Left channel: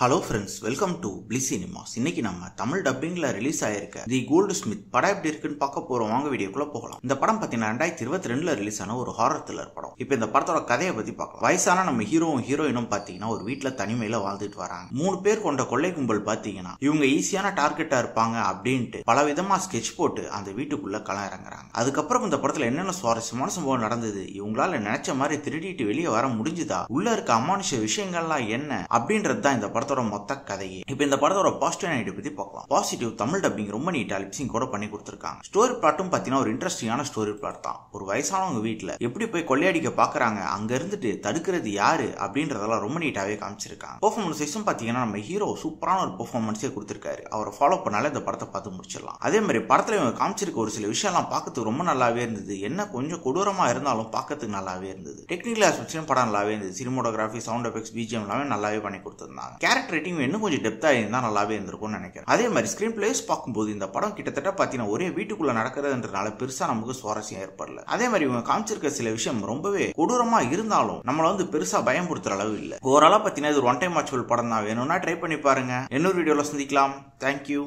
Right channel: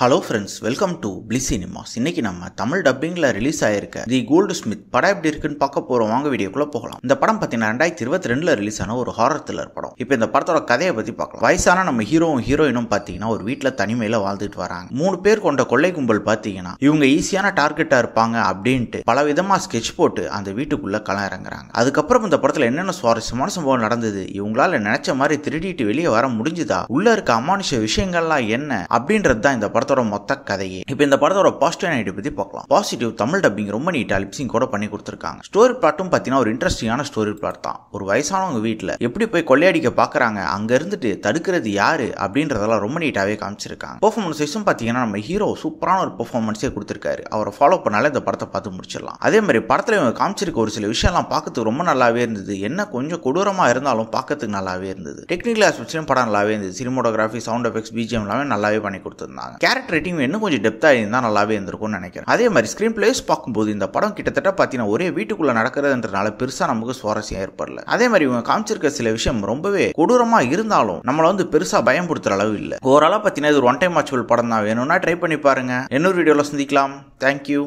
Hello friends, welcome to bliss cinemas. இன்னைக்கு நம்ம Tamil டப்பிங்ல release ஆயிருக்க தி கோல்டு ஸ்மித் படம் எப்படி இருக்குன்னு பார்க்க போறோம். வாங்க வீடியோக்குள்ள போகலாம். இந்த படம் பார்த்தீங்கன்னா 2022 ரிலீஸ் ஆன ஒரு ஹாரர் த்ரில்லர் படம். இப்போ இந்த படத்தோட கதையை பத்தி பார்க்கலாம். வயசான நம்ம ஹீரோயினும் பார்த்தீங்கன்னா ஒரு வீட்டில் தனிமையில வாழ்ந்துட்டு வராங்க. 3 பேர் கொண்ட கொள்ளை கும்பல் பார்த்தீங்கன்னா இவங்க ஈஸியான டார்கெட்டா இருப்பாங்க அப்படின்ட்டு பல விதமா ஸ்கெட்ச் போட்டு அந்த வீட்டுக்குள்ள களம் இறங்குறாங்க. அதுக்கப்புறம் இந்த படத்துல என்னென்ன சுவாரஸ்யமான சம்பவம் நடந்தது, இவங்களால நினைச்ச மாதிரி திருடிட்டு வெளியே வர முடிஞ்சுதா, உள்ள இருக்க அமானுஷ விஷயங்கள்லாம் என்ன அப்படின்றது தான் இந்த படத்தோட மொத்த கதையே. இப்போ இந்த படத்தோட பாசிட்டிவ் நைட் பத்தி பார்க்கலாம். பாசிட்டிவ், தமிழ் டப்பிங் ரொம்ப நீட்டா லிப்சிங் கூட பண்ணி கொடுத்திருக்காங்க. ஸ்டோரி பிளாட்டும் பாத்தீங்கன்னா ஒரு இன்ட்ரெஸ்டிங்கான ஸ்டோரி பிளாட் தான். ஒரு வயசானவங்க வீட்டுல எப்படி போய் கொள்ளையடிக்க பாக்குறாங்க, அங்க இருந்துட்டு தடுக்கிறது யாரு அப்படின்றதெல்லாம் ரொம்ப நீட்டாவே காமிச்சிருக்காங்க. பெர்ஃபார்மன்ஸ் வைஸும் பாத்தீங்கன்னா நம்ம ஹீரோ சூப்பரான ஒரு பெர்ஃபார்மன்ஸே கொடுத்திருக்காரு. அவரை ஃபாலோ பண்ணாலே இந்த படத்தை பார்த்து முடிச்சிடலாம். அதே மாதிரி படத்துல இவங்க காமிச்சிருக்க ஒரு சில விஷயம்லாம் பார்க்கறதுக்கு ரொம்ப நல்லாவே இருந்தது. என்ன கொஞ்சம் கொடூரமா இருந்தாலும் பார்க்கறதுக்கு நல்லாவே இருந்தது. டெக்னிக்கல் ஆஸ்பெக்ட்ஸ்லயும் படம் நல்லாவே இருந்தது. சினிமோட்டோகிராஃபி, சவுண்ட் எஃபெக்ட்ஸ், பிஜிஎம் எல்லாமே நல்லாவே பண்ணி கொடுத்திருந்தாங்க. கேரக்டர் ரைட்டிங் இன்னும் கொஞ்சம் டெப்தா இருந்தா நல்லாவே இருந்திருக்கும்னு நினைக்கிறேன். அதே மாதிரி ஸ்கிரீன் பிளேஸ் பார்க்கும்போது இந்த படம் கிட்டத்தட்ட பார்த்தீங்கன்னா ஒரே வீட்டுக்குள்ள நடக்கிறதுன்றனால பெருசா நமக்கு சுவாரஸ்யம் ஏற்படல. அதே மாதிரி இவங்க காமிச்சிருக்க சில விஷயம் ரொம்பவே கொடூரமா இருந்தாலும் நம்மள பெருசா பயம்படுத்துற அளவு இல்ல. ஓவராலா பார்த்தீங்கன்னா இது ஒரு ஒன் டைம் வாட்சபிள் படம் தான். வேணும்னா ட்ரை பண்ணி பாருங்க. இன்னொரு வீடியோல சந்திக்கலாம். தேங்க்யூ.